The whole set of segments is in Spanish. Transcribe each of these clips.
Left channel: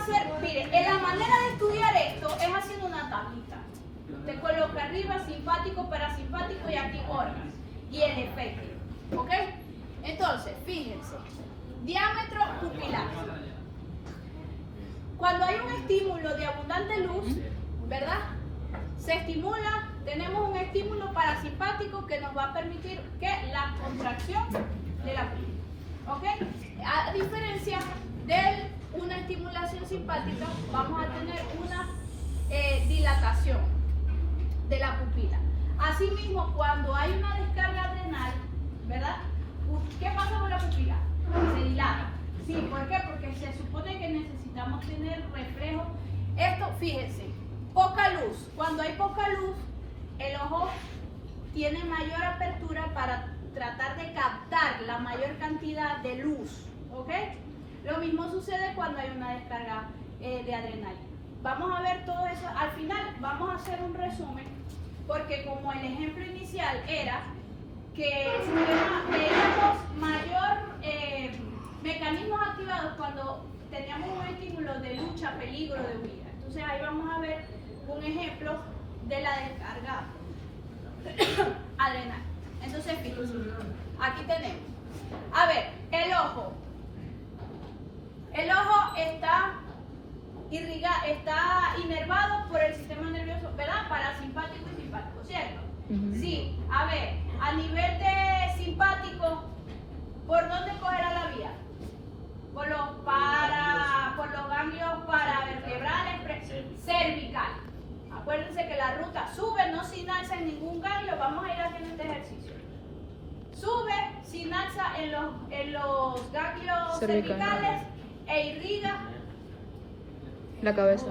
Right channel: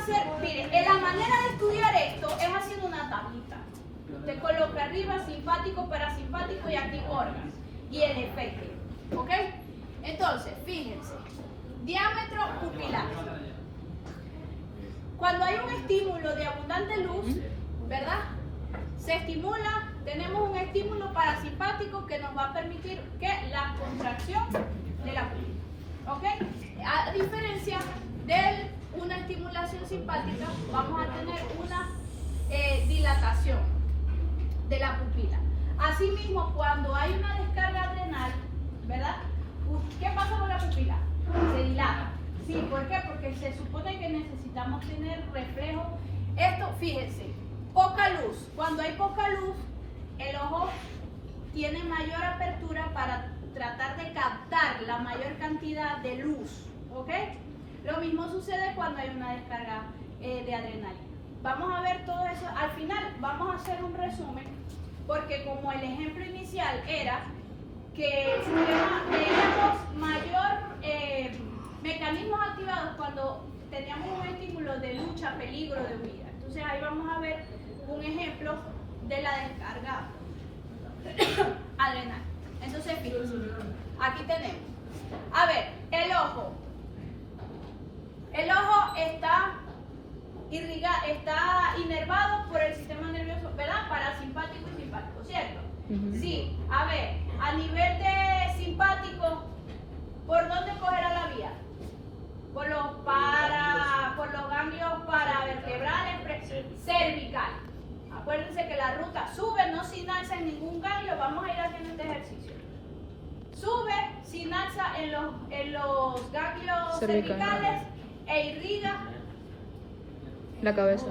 hacer, miren, la manera de estudiar esto es haciendo una tajita. Te coloca arriba simpático, parasimpático y activo órgano. Y el efecto. ¿Ok? Entonces, fíjense. Diámetro pupilar. Cuando hay un estímulo de abundante luz, ¿verdad? Se estimula, tenemos un estímulo parasimpático que nos va a permitir que la contracción de la pupila. ¿Ok? A diferencia de una estimulación simpática, vamos a tener una dilatación de la pupila. Asimismo, cuando hay una descarga adrenal, ¿verdad? ¿Qué pasa con la pupila? Se dilata. Sí, ¿por qué? Porque se supone que necesitamos tener reflejo. Esto, fíjense, poca luz. Cuando hay poca luz, el ojo tiene mayor apertura para tratar de captar la mayor cantidad de luz. ¿Ok? Lo mismo sucede cuando hay una descarga de adrenalina. Vamos a ver todo eso. Al final vamos a hacer un resumen, porque como el ejemplo inicial era que veíamos mayor mecanismos activados cuando teníamos un estímulo de lucha, peligro, de huida. Entonces ahí vamos a ver un ejemplo de la descarga adrenal. Entonces fíjense, aquí tenemos. A ver, el ojo. El ojo está inervado por el sistema nervioso, ¿verdad? Parasimpático y simpático, ¿cierto? Sí, a ver, a nivel de simpático, ¿por dónde cogerá la vía? Por los ganglios paravertebrales cervical. Acuérdense que la ruta sube, no sinapsa en ningún ganglio, vamos a ir haciendo este ejercicio. Sube, sinapsa en los ganglios cervicales e irriga la cabeza.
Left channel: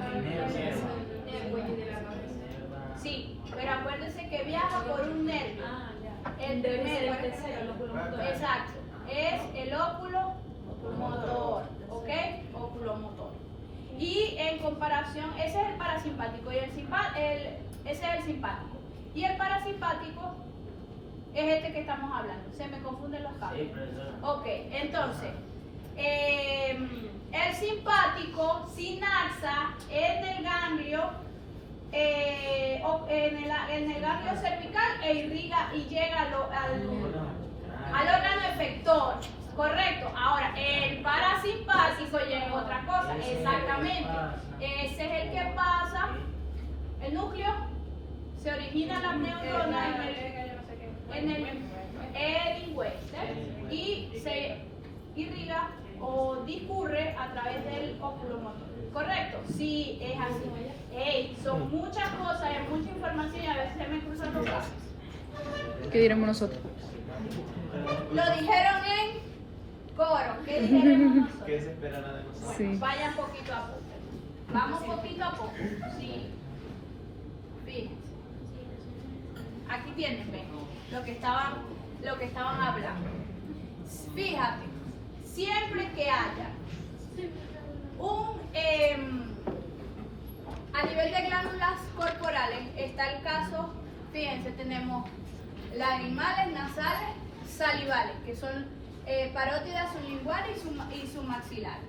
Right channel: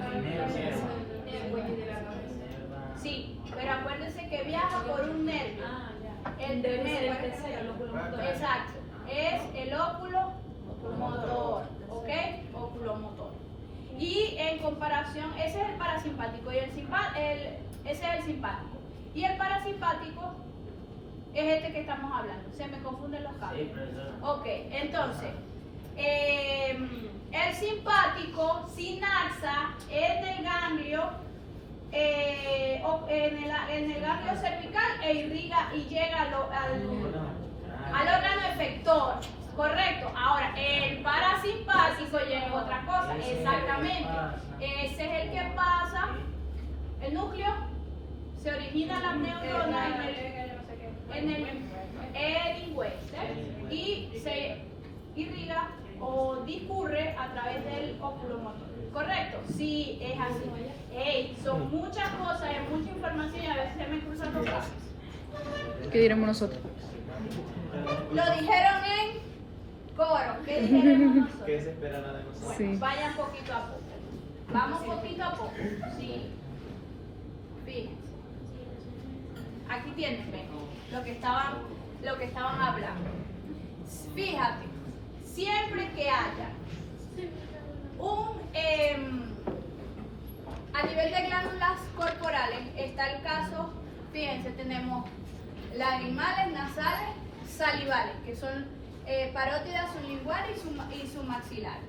Sí, pero acuérdense que viaja por un nervio. El nervio, exacto, es el óculo motor, ¿ok? Oculomotor. Y en comparación, ese es el parasimpático y ese es el simpático. Y el parasimpático es este que estamos hablando. Se me confunden los cables. Ok, entonces, el simpático sinapsa en el ganglio, en el ganglio cervical e irriga y llega al órgano efector. Correcto. Ahora, el parasimpático llega a otra cosa. Exactamente. Ese es el que pasa, el núcleo, se origina la neurona en el lingüe y se irriga o discurre a través del oculomotor. ¿Correcto? Sí, es así. Son muchas cosas, hay mucha información y a veces se me cruzan los casos. ¿Qué diremos nosotros? Lo dijeron en coro. ¿Qué dijeron nosotros? ¿Qué se esperará de nosotros? Sí. Vayan poquito a poco. Vamos poquito a poco. Sí. Fíjense. Aquí tienen, ven, lo que estaban hablando. Fíjate, siempre que haya a nivel de glándulas corporales, está el caso, fíjense, tenemos lagrimales, nasales, salivales, que son parótida sublingual y submaxilar.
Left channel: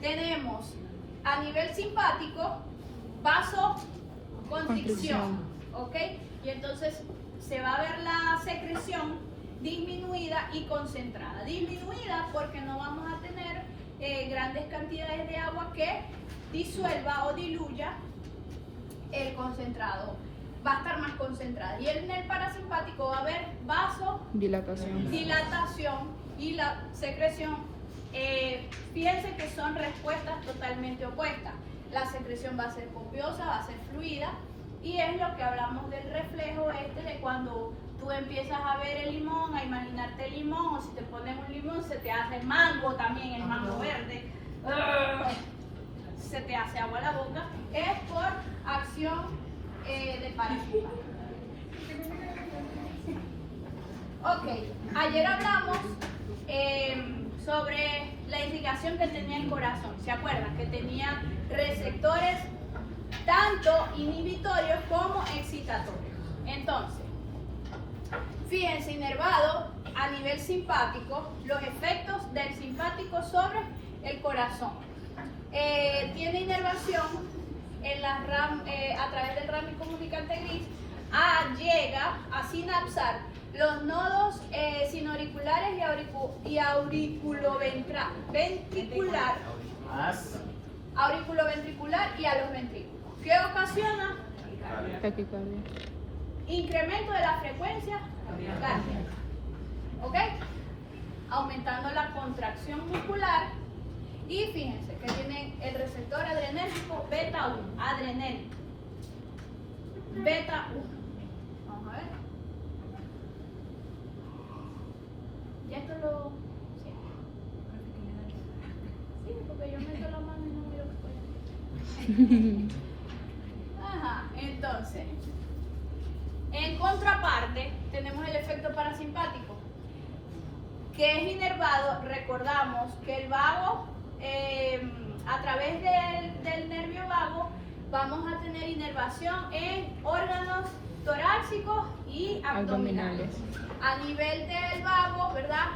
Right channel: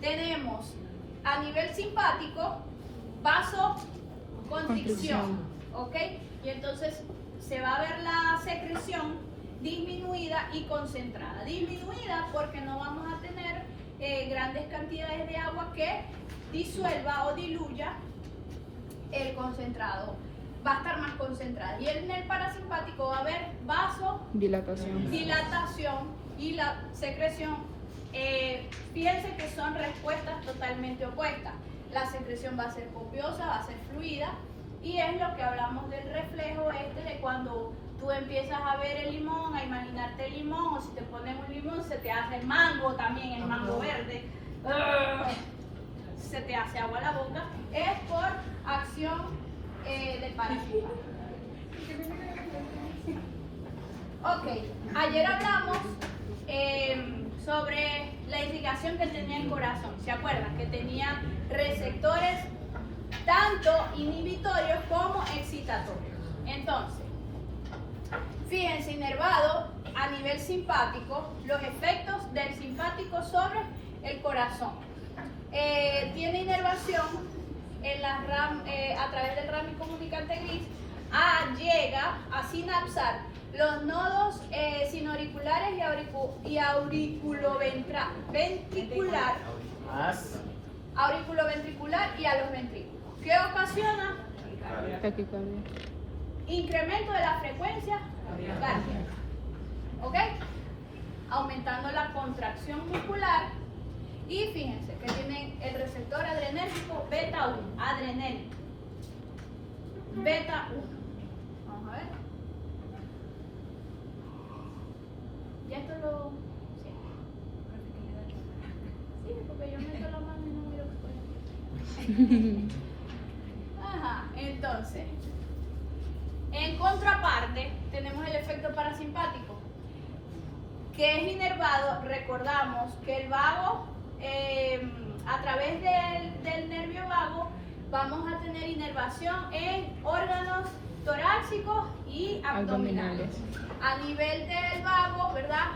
Tenemos a nivel simpático vasoconstricción, ¿ok? Y entonces se va a ver la secreción disminuida y concentrada. Disminuida porque no vamos a tener grandes cantidades de agua que disuelva o diluya el concentrado. Va a estar más concentrada. Y en el parasimpático va a haber Dilatación. dilatación y la secreción. Fíjense que son respuestas totalmente opuestas. La secreción va a ser copiosa, va a ser fluida, y es lo que hablamos del reflejo de cuando tú empiezas a ver el limón, a imaginarte el limón, o si te ponen un limón se te hace el mango también, el mango verde, se te hace agua la boca, es por acción de parasimpático. Ok, ayer hablamos sobre la indicación que tenía el corazón. ¿Se acuerdan? Que tenía receptores tanto inhibitorios como excitatorios. Entonces, fíjense, inervado a nivel simpático, los efectos del simpático sobre el corazón. tiene inervación en la a través del ramo comunicante gris, llega a sinapsar los nodos sinoauriculares y auriculoventricular y a los ventrículos. ¿Qué ocasiona? Taquicardia. Incremento de la frecuencia cardíaca. ¿Ok? Aumentando la contracción muscular. Y fíjense que tiene el receptor adrenérgico beta 1, adrenérgico. Beta 1. Vamos a ver. Ya esto lo. Sí, porque yo meto la mano y no miro que estoy aquí. Ajá, entonces. En contraparte, tenemos el efecto parasimpático, que es inervado. Recordamos que el vago, a través del nervio vago, vamos a tener inervación en órganos torácicos y abdominales. A nivel del vago, ¿verdad?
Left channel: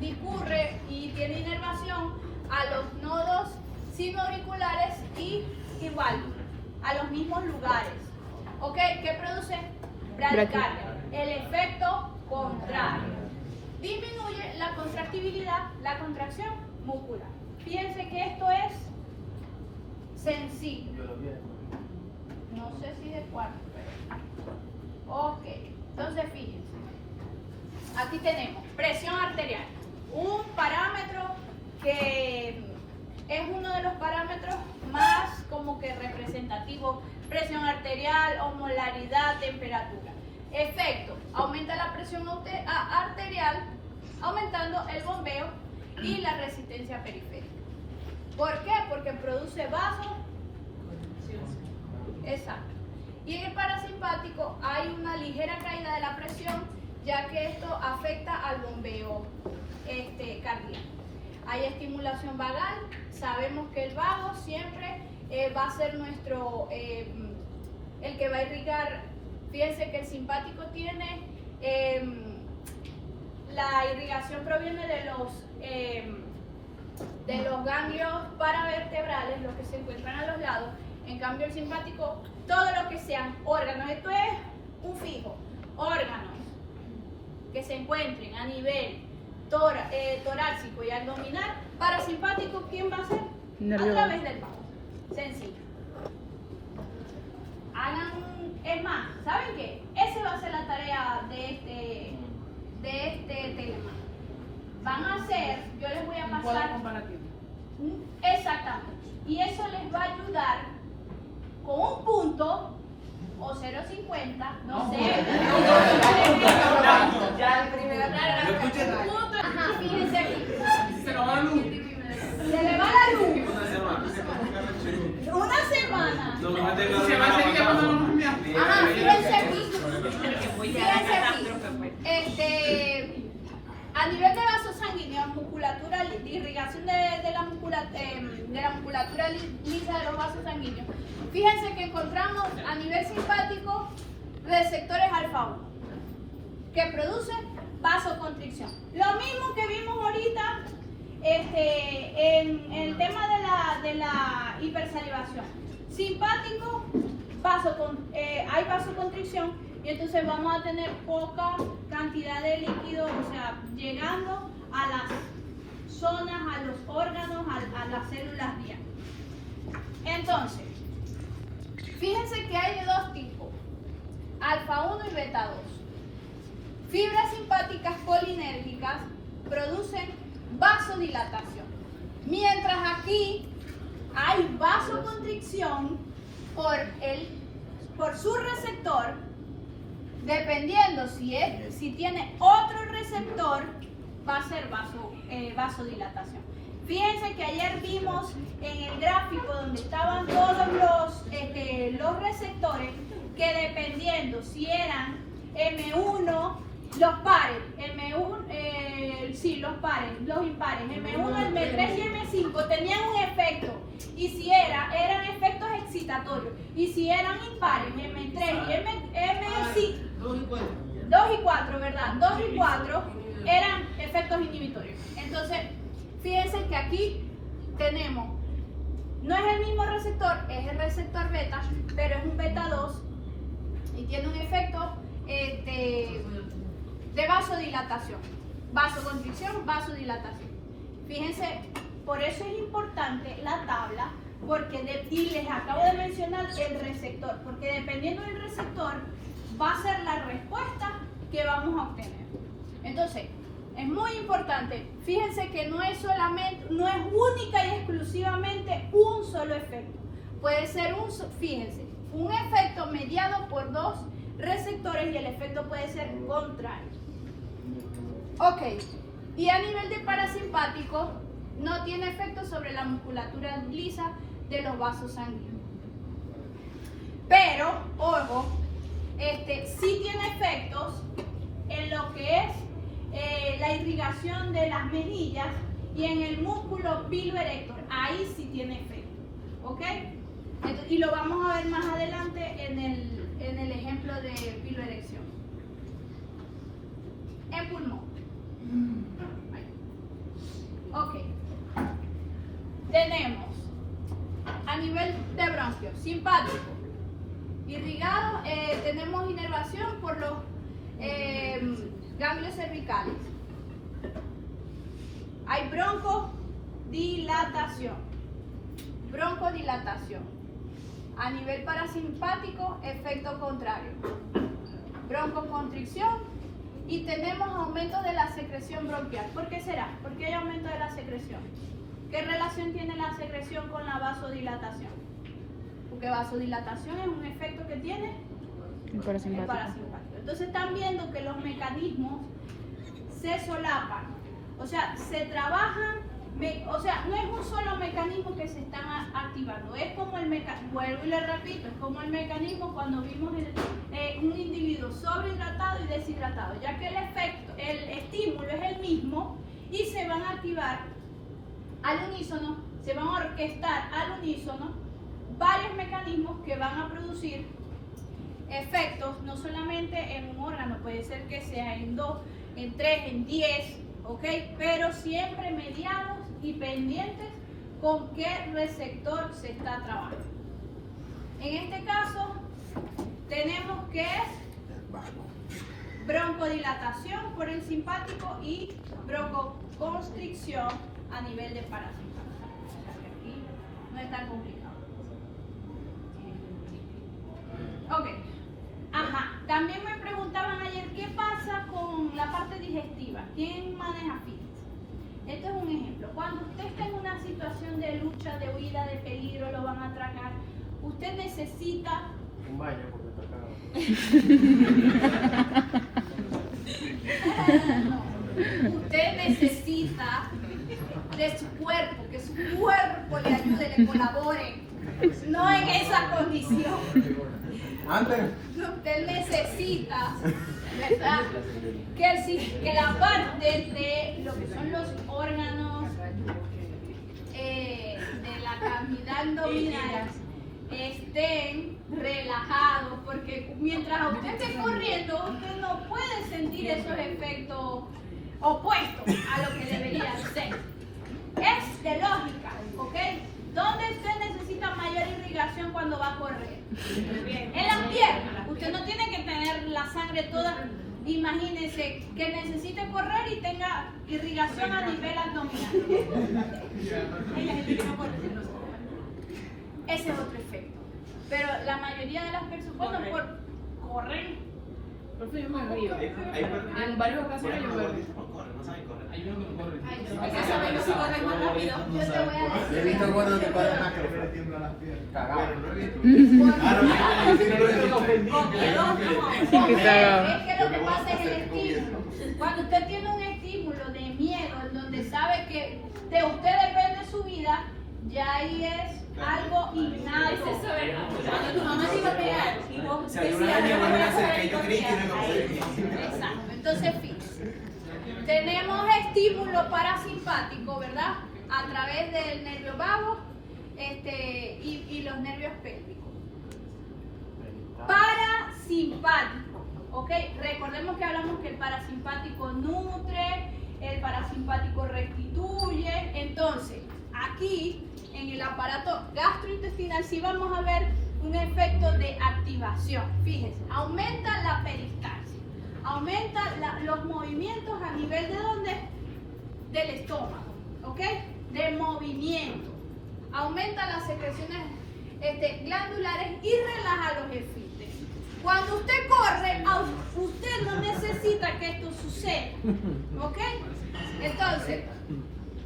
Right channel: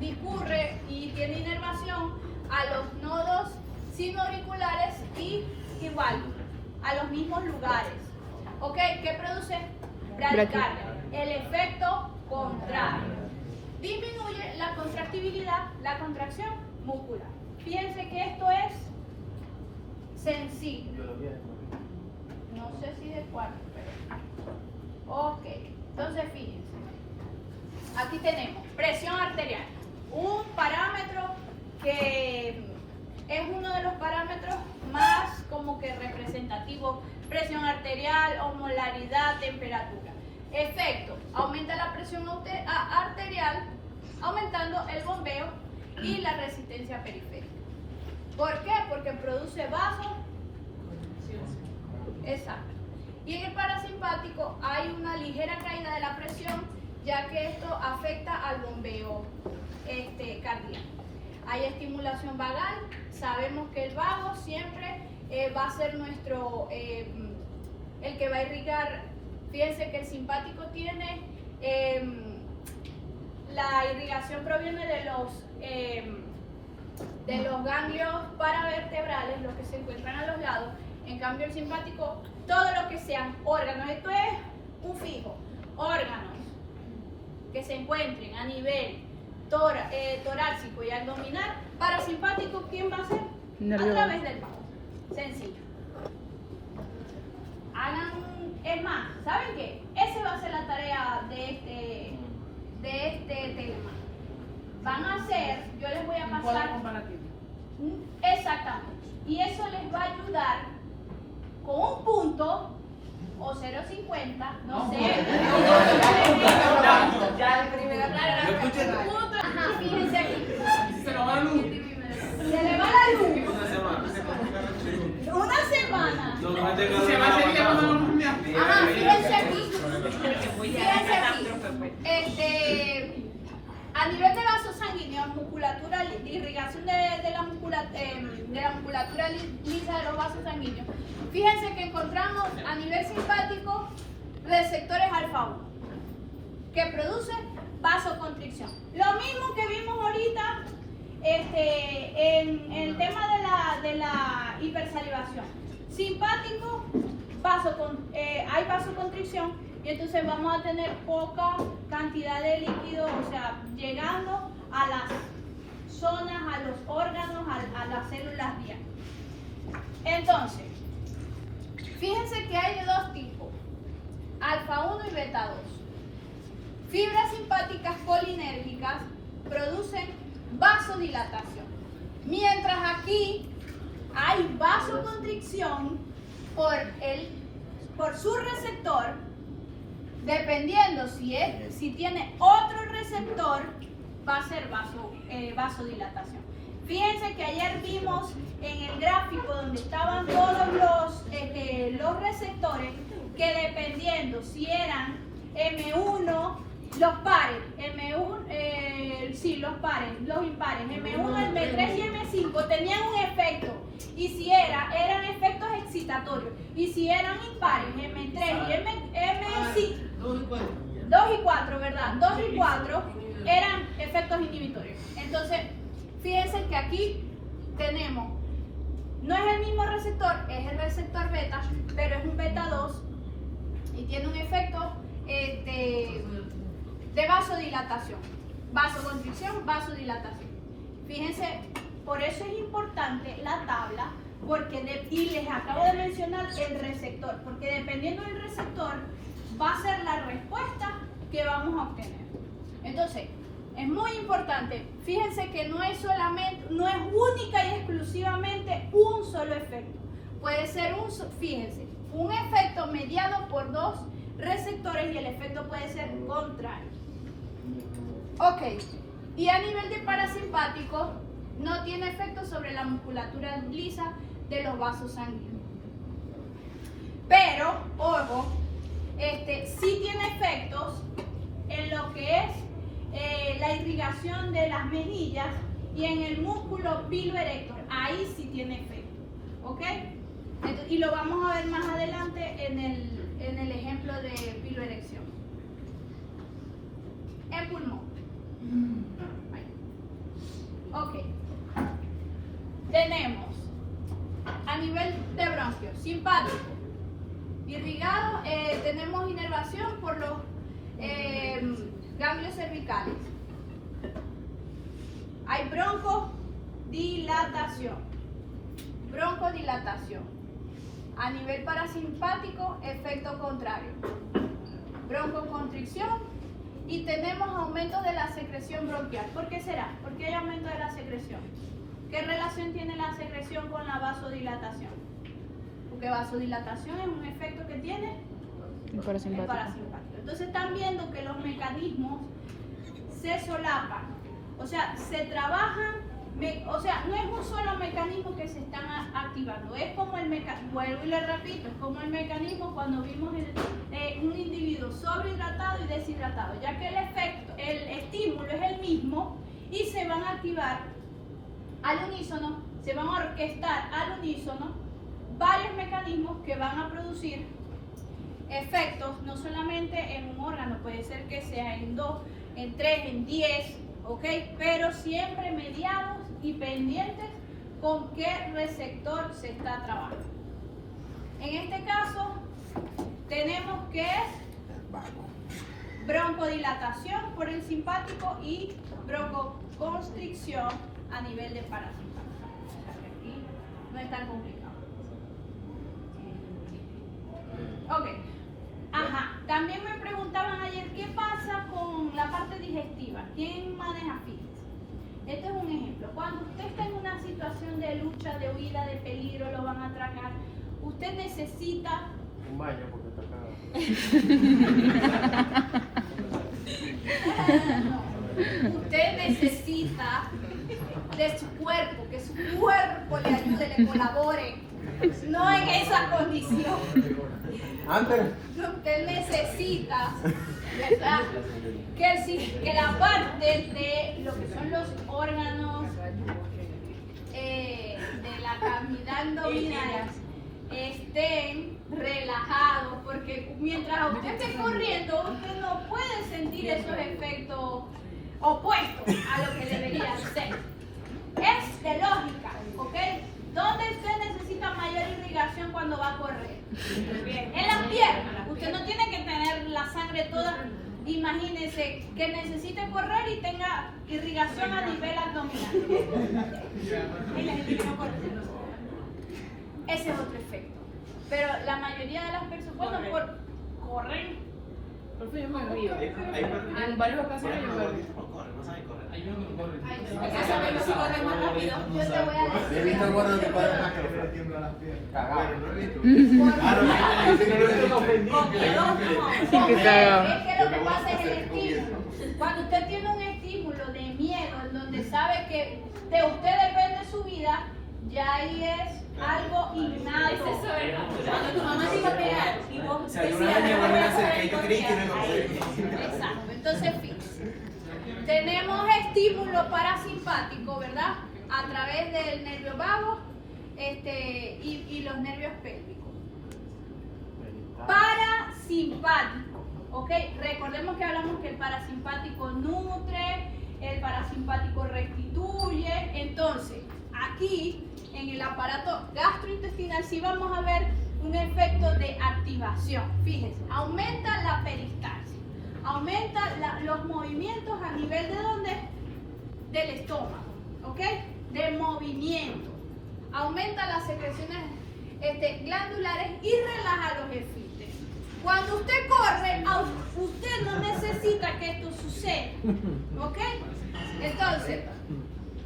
Discurre y tiene inervación a los nodos sinoauriculares y igual, a los mismos lugares. ¿Ok? ¿Qué produce? Bradicardia. El efecto contrario. Disminuye la contractibilidad, la contracción muscular. Fíjense que esto es sensible. No sé si de cuánto. Ok. Entonces, fíjense. Aquí tenemos presión arterial. Un parámetro que es uno de los parámetros más como que representativos. Presión arterial, osmolaridad, temperatura. Efecto: aumenta la presión arterial, aumentando el bombeo y la resistencia periférica. ¿Por qué? Porque produce vaso. Exacto. Y en el parasimpático hay una ligera caída de la presión, ya que esto afecta al bombeo cardíaco. Hay estimulación vagal. Sabemos que el vago siempre va a ser nuestro, el que va a irrigar. Fíjense que el simpático tiene, la irrigación proviene de los ganglios paravertebrales, los que se encuentran a los lados. En cambio el simpático, todo lo que sean órganos, esto es un fijo, órganos que se encuentren a nivel torácico y abdominal. Parasimpático, ¿quién va a ser? A través del vago. Sencillo. Es más, ¿saben qué? Esa va a ser la tarea de este tema. Van a hacer, yo les voy a pasar. Exactamente. Y eso les va a ayudar con un punto o 0.50, no sé. Ya el primero. Ajá, fíjense aquí. Se nos va la luz. Se le va la luz. Una semana. Se va a seguir pasando. Ajá, fíjense aquí. Fíjense aquí. A nivel de vaso sanguíneo, musculatura, irrigación de la musculatura lisa de los vasos sanguíneos. Fíjense que encontramos a nivel simpático receptores alfa 1 que producen vasoconstricción. Lo mismo que vimos ahorita en el tema de la hipersalivación. Simpático, hay vasoconstricción y entonces vamos a tener poca cantidad de líquido, o sea, llegando a las zonas, a los órganos, a las células diáneas. Entonces, fíjense que hay de dos tipos, alfa 1 y beta 2. Fibras simpáticas colinérgicas producen vasodilatación, mientras aquí hay vasoconstricción por su receptor. Dependiendo si tiene otro receptor, va a ser vasodilatación. Fíjense que ayer vimos en el gráfico donde estaban todos los receptores, que dependiendo si eran M1, los pares, los pares, los impares, M1, M3 y M5 tenían un efecto, y si eran efectos excitatorios, y si eran impares, M3 y M5, 2 y 4, ¿verdad? 2 y 4 eran efectos inhibitorios. Entonces, fíjense que aquí tenemos No es el mismo receptor, es el receptor beta, pero es un beta 2 y tiene un efecto de vasodilatación. Vasoconstricción, vasodilatación. Fíjense, por eso es importante la tabla, porque y les acabo de mencionar el receptor, porque dependiendo del receptor va a ser la respuesta que vamos a obtener. Entonces, es muy importante, fíjense que no es única y exclusivamente un solo efecto. Puede ser fíjense, un efecto mediado por dos receptores y el efecto puede ser contrario. Ok, y a nivel de parasimpático, no tiene efecto sobre la musculatura lisa de los vasos sanguíneos. Pero, ojo, sí tiene efectos en lo que es la irrigación de las mejillas y en el músculo piloerector. Ahí sí tiene efecto, ¿ok? Y lo vamos a ver más adelante en el ejemplo de piloerección. En pulmón. Ok. Tenemos a nivel de bronquio, simpático, irrigado, tenemos inervación por los ganglios cervicales. Hay broncodilatación. Broncodilatación. A nivel parasimpático, efecto contrario. Broncoconstricción. Y tenemos aumento de la secreción bronquial. ¿Por qué será? ¿Por qué hay aumento de la secreción? ¿Qué relación tiene la secreción con la vasodilatación? Porque vasodilatación es un efecto que tiene el parasimpático. Entonces están viendo que los mecanismos se solapan. O sea, se trabajan, o sea, no es un solo mecanismo que se están activando. Es como el mecanismo, vuelvo y le repito, es como el mecanismo cuando vimos un individuo sobrehidratado y deshidratado, ya que el estímulo es el mismo y se van a activar al unísono, se van a orquestar al unísono varios mecanismos que van a producir efectos, no solamente en un órgano, puede ser que sea en 2, en 3, en 10, ¿ok? Pero siempre mediados y pendientes con qué receptor se está trabajando. En este caso, tenemos que es broncodilatación por el simpático y broncoconstricción a nivel de parasimpático. Aquí no es tan complicado. Ok. Ajá. También me preguntaban ayer qué pasa con la parte digestiva. ¿Quién maneja fíjense? Esto es un ejemplo. Cuando usted está en una situación de lucha, de huida, de peligro, lo van a atracar, usted necesita un baño porque está caro. Usted necesita de su cuerpo, que su cuerpo le ayude, le colabore. No en esa condición. Usted necesita, ¿verdad? Que la parte de lo que son los órganos de la cavidad abdominal estén relajados, porque mientras usted esté corriendo, usted no puede sentir esos efectos opuestos a lo que debería ser. Es de lógica, ¿ok? ¿Dónde usted necesita mayor irrigación cuando va a correr? En las piernas. Usted no tiene que tener la sangre toda. Imagínese que necesite correr y tenga irrigación a nivel abdominal. Ese es otro efecto. Pero la mayoría de las personas, bueno, por correr. En varias ocasiones yo corro. Hay uno que corre. Yo te voy a He decir. visto cuando te paran a que le tiembla las piernas. Cagado. Y que cagado. Es que lo que pasa es el estímulo. Cuando usted tiene un estímulo de miedo, en donde sabe que de usted depende su vida, ya ahí es algo innato. Cuando tu mamá se iba a pegar y vos Exacto. Entonces, fíjense. Tenemos estímulo parasimpático, ¿verdad? A través del nervio vago y los nervios pélvicos. Parasimpático, ¿ok? Recordemos que hablamos que el parasimpático nutre, el parasimpático restituye. Entonces, aquí, en en el aparato gastrointestinal sí vamos a ver un efecto de activación. Fíjense, aumenta la peristalsis, aumenta los movimientos a nivel de dónde? Del estómago, ¿ok? De movimiento. Aumenta las secreciones glandulares y relaja los esfínteres. Cuando usted corre, usted no necesita que esto suceda, ¿ok? Entonces,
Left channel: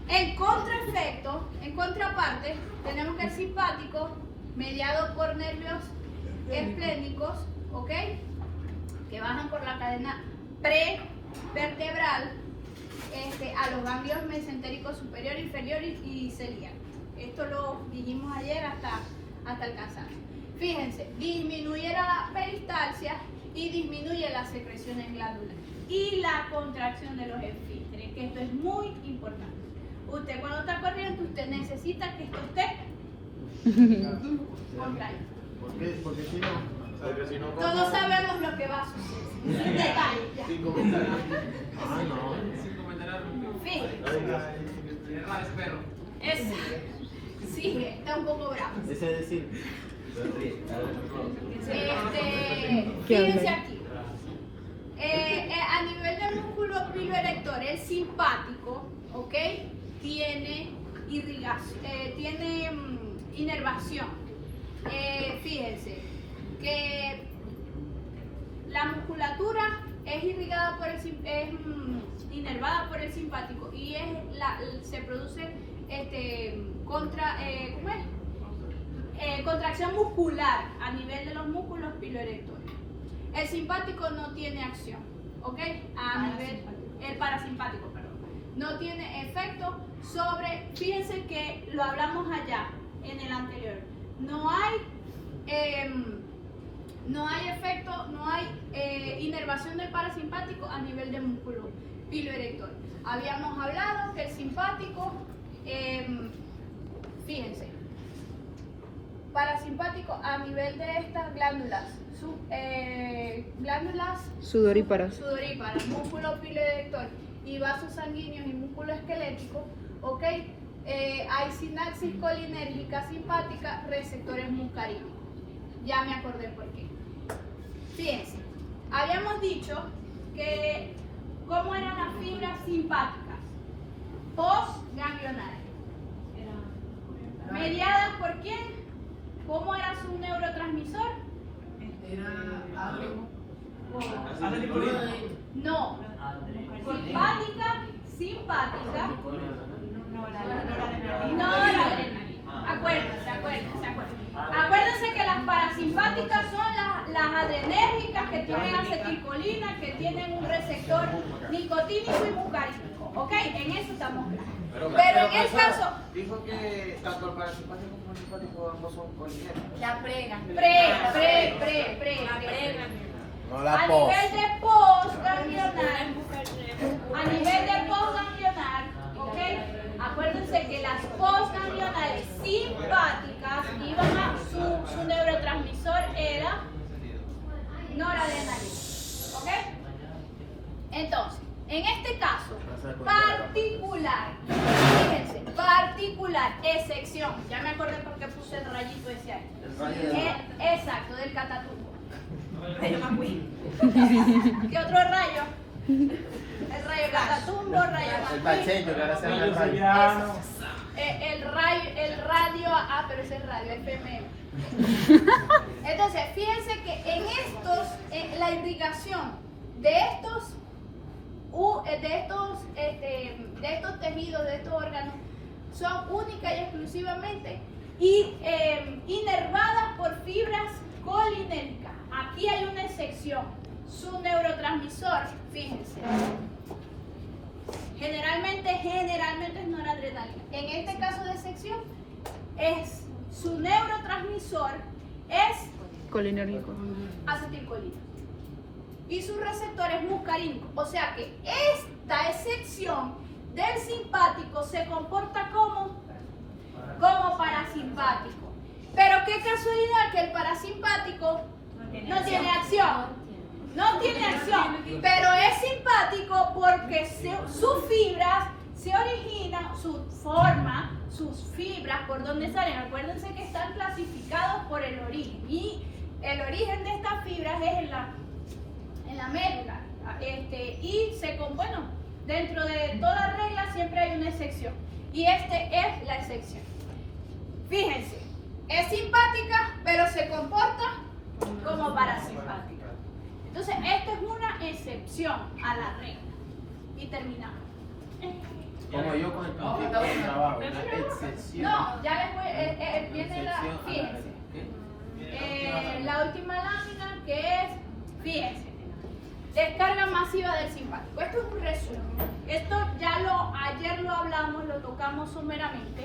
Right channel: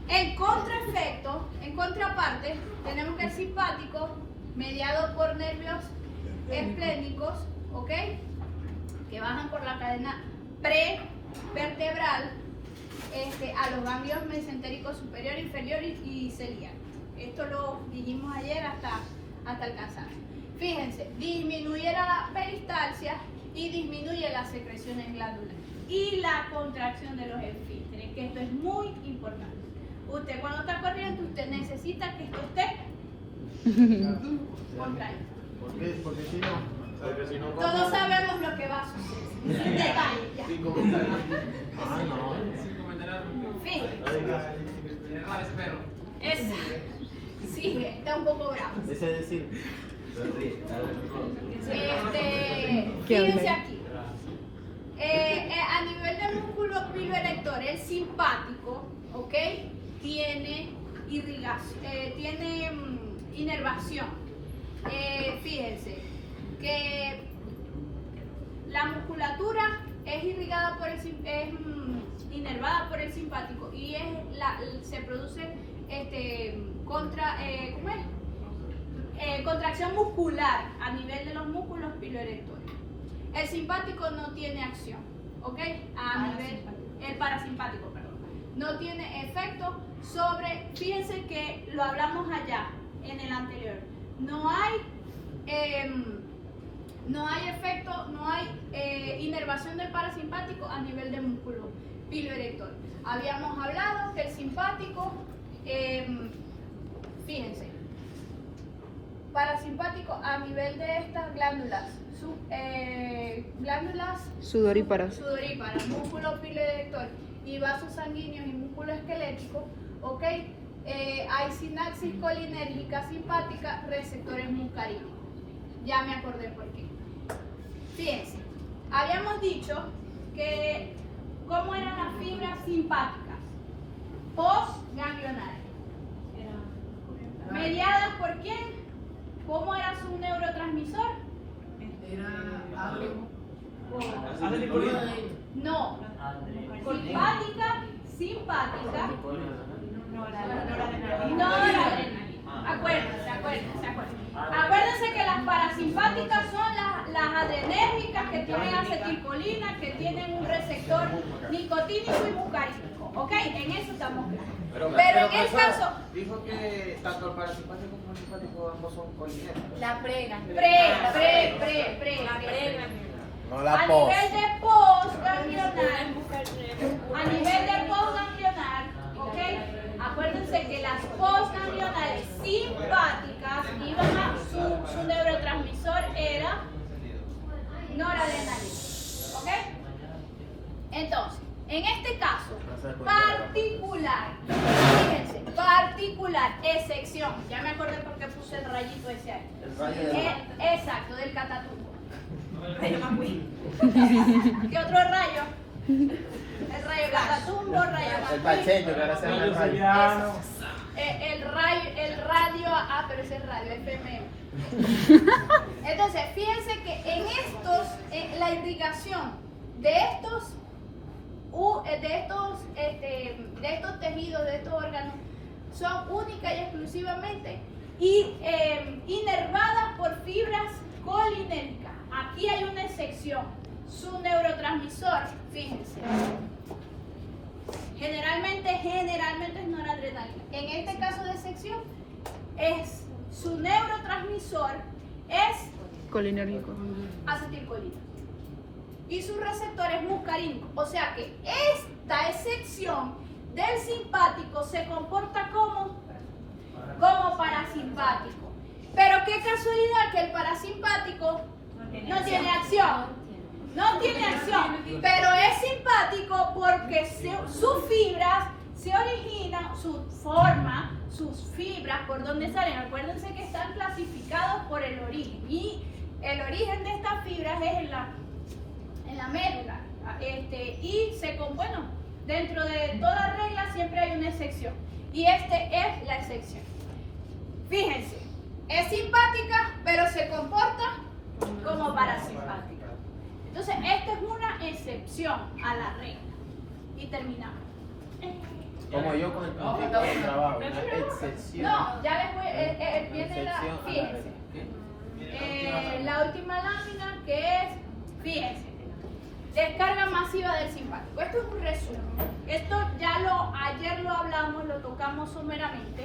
en contraefecto, en contraparte, tenemos que el simpático, mediado por nervios esplénicos, ¿ok? Que bajan por la cadena prevertebral a los ganglios mesentéricos superior, inferior y ciliar. Esto lo dijimos ayer hasta alcanzar. Fíjense, disminuye la peristalsia y disminuye las secreciones glandulares y la contracción de los esfínteres, que esto es muy importante. Usted cuando está corriendo, usted necesita que esto esté contraído. ¿Por qué? Porque si no. Todos sabemos lo que va a suceder. Sin detalles, ya. Fíjense. Sí, está un poco bravo. Ese es decir. Fíjense aquí. A nivel del músculo piloerector, el simpático, ¿ok? Tiene irrigación, tiene inervación. Fíjense que la musculatura es irrigada por inervada por el simpático y se produce contracción muscular a nivel de los músculos piloerectores. El simpático no tiene acción, ¿ok? El parasimpático, perdón, no tiene efecto sobre, fíjense que lo hablamos allá en el anterior, no hay efecto, no hay inervación del parasimpático a nivel de músculo piloerector. Habíamos hablado que el simpático, fíjense, parasimpático a nivel de estas glándulas, glándulas Sudoríparas, músculo piloerector y vasos sanguíneos y músculo esquelético, ¿ok? Hay sinapsis colinérgica simpática, receptores muscarínicos. Ya me acordé por qué. Fíjense, habíamos dicho que cómo eran las fibras simpáticas postganglionares. ¿Mediadas por quién? ¿Cómo era su neurotransmisor? No. Simpática. Acuérdense que las parasimpáticas son las adrenérgicas que tienen acetilcolina, que tienen un receptor nicotínico y muscarínico. ¿Ok? En eso estamos claros. Pero en el caso... Dijo que tanto el parasimpático como el simpático ambos son colinérgicos. La prega. No A nivel de postganglionar, ¿ok? Acuérdense que las postganglionales simpáticas iban a su neurotransmisor era noradrenalina, ¿ok? Entonces, en este caso particular, fíjense, excepción, ya me acordé porque puse el rayito ese ahí. Exacto, del catatumbo. ¿Qué otro rayo? El rayo catatumbo, rayo El pacheco, que ahora se llama el rayo. el radio, pero ese es radio, FM. Entonces, fíjense que en la irrigación de estos tejidos, de estos órganos, son únicas y exclusivamente inervadas por fibras colinérgicas. Aquí hay una excepción, su neurotransmisor, fíjense. Generalmente es noradrenalina. En este caso de excepción, su neurotransmisor es colinérgico. acetilcolina y su receptor es muscarínico. O sea que esta excepción del simpático se comporta como parasimpático. Pero qué casualidad que el parasimpático no tiene acción. No tiene acción, pero es simpático porque sus fibras se originan, su forma, sus fibras, por dónde salen. Acuérdense que están clasificados por el origen. Y el origen de estas fibras es en la médula. Y bueno, dentro de toda regla siempre hay una excepción. Y es la excepción. Fíjense, es simpática, pero se comporta como parasimpática. Entonces, esta es una excepción a la regla. Y terminamos. Como yo con el conflicto de trabajo, la excepción. No, ya después viene la última lámina, que es, fíjense, descarga masiva del simpático. Esto es un resumen. Esto ayer lo hablamos, lo tocamos someramente.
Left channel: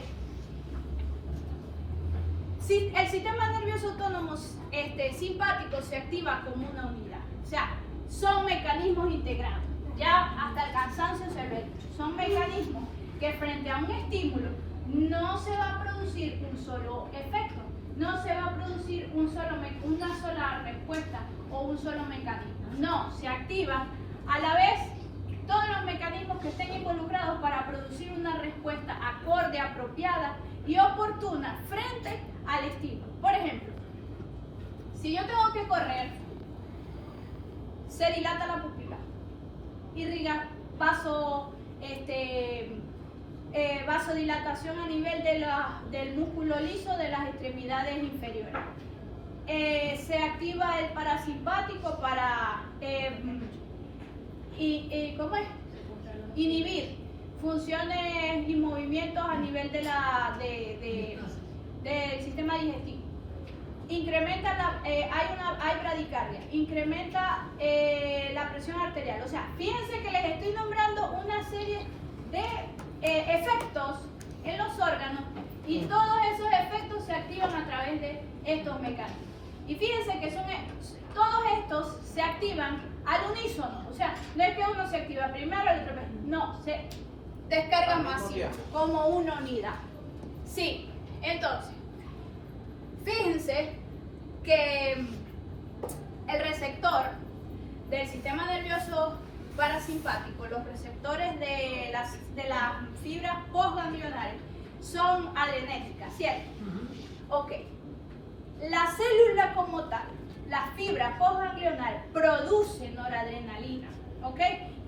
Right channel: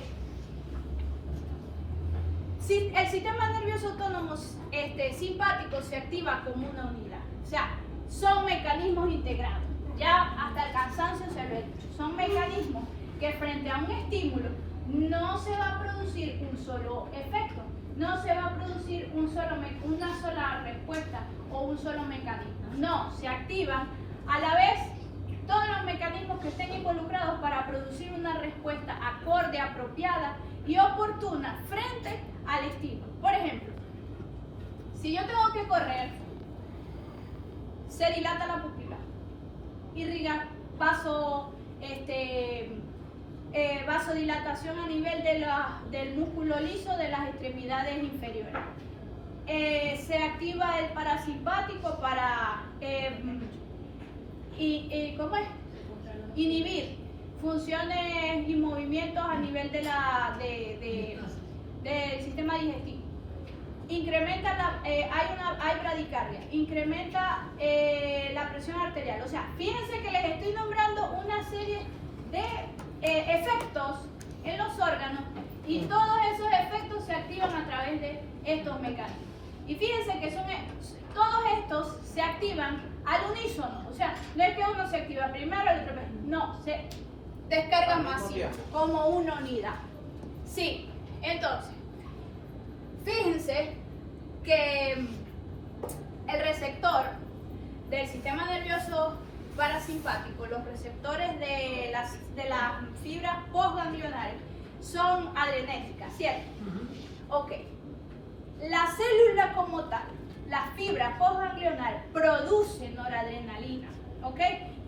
El sistema nervioso autónomo simpático se activa como una unidad. O sea, son mecanismos integrados. Ya hasta el cansancio se lo he dicho. Son mecanismos que frente a un estímulo no se va a producir un solo efecto. No se va a producir una sola respuesta o un solo mecanismo. No, se activan a la vez todos los mecanismos que estén involucrados para producir una respuesta acorde, apropiada y oportuna frente al estímulo. Por ejemplo, si yo tengo que correr, se dilata la pupila, irriga vasodilatación a nivel del músculo liso de las extremidades inferiores. Se activa el parasimpático para inhibir funciones y movimientos a nivel del sistema digestivo. Incrementa hay bradicardia, incrementa la presión arterial. O sea, fíjense que les estoy nombrando una serie de efectos en los órganos y todos esos efectos se activan a través de estos mecanismos. Y fíjense que todos estos se activan al unísono. O sea, no es que uno se activa primero, el otro no, se descargan masiva como una unidad. Sí, entonces, fíjense que el receptor del sistema nervioso parasimpático, los receptores de las fibras postganglionales son adrenérgicas, ¿cierto? Ok. La célula como tal, la fibra postganglional, produce noradrenalina, ¿ok?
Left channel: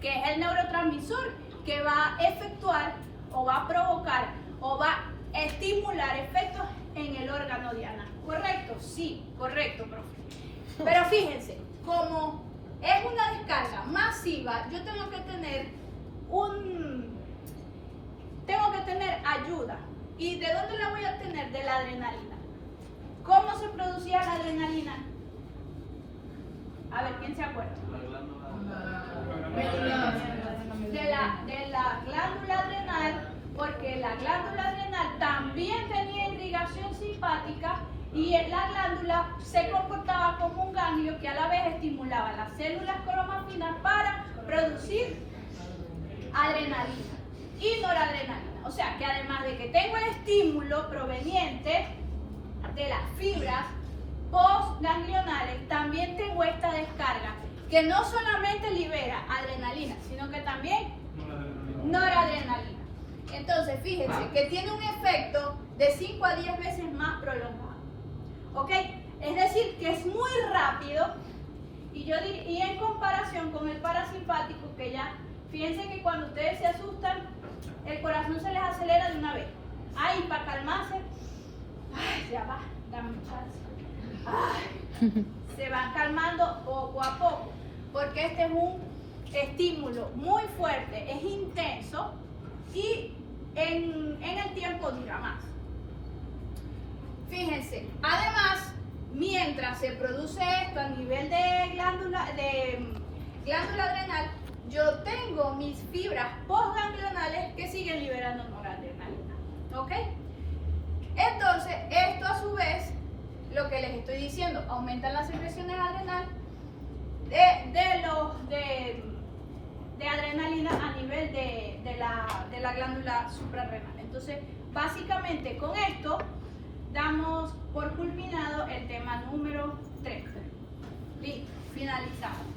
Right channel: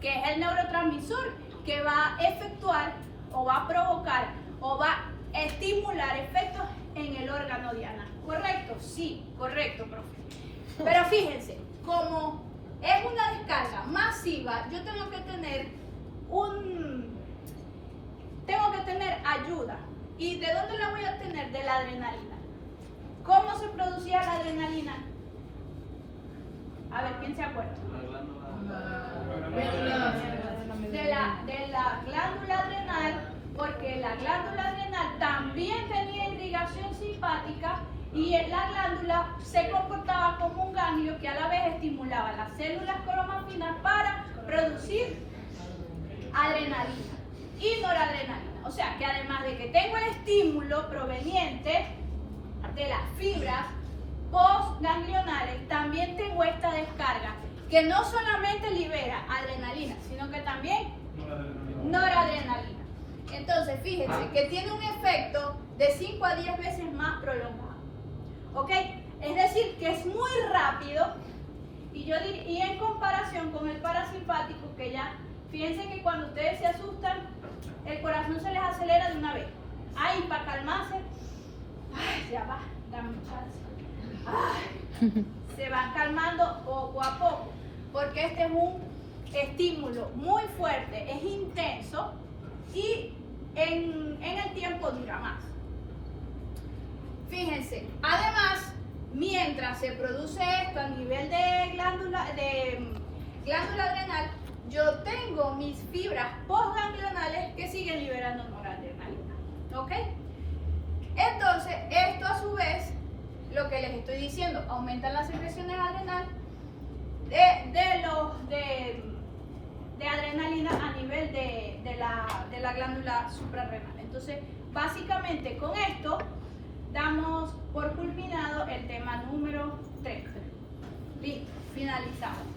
Que es el neurotransmisor que va a efectuar o va a provocar o va a estimular efectos en el órgano diana. ¿Correcto? Sí, correcto, profe. Pero fíjense, como es una descarga masiva, yo tengo que tener ayuda. ¿Y de dónde la voy a obtener? De la adrenalina. ¿Cómo se producía la adrenalina? A ver, ¿quién se acuerda? De la glándula adrenal, porque la glándula adrenal también tenía irrigación simpática y la glándula se comportaba como un ganglio que a la vez estimulaba las células cromátinas para producir adrenalina y noradrenalina. O sea que además de que tengo el estímulo proveniente de las fibras postganglionales, también tengo esta descarga que no solamente libera adrenalina, sino que también noradrenalina. Entonces, fíjense que tiene un efecto de 5 a 10 veces más prolongado. ¿Ok? Es decir, que es muy rápido y en comparación con el parasimpático, que ya, fíjense que cuando ustedes se asustan, el corazón se les acelera de una vez. Ahí, para calmarse, ya va, dame chance. Se van calmando poco a poco, porque este es un estímulo muy fuerte, es intenso y en el tiempo dura más. Fíjense, además, mientras se produce esto a nivel de glándula adrenal, yo tengo mis fibras postganglionales que siguen liberando noradrenalina. ¿Ok? Entonces, esto a su vez, lo que les estoy diciendo, aumenta las secreciones adrenales de adrenalina a nivel de la glándula suprarrenal. Entonces, básicamente con esto damos por culminado el tema número 3. Listo, finalizamos.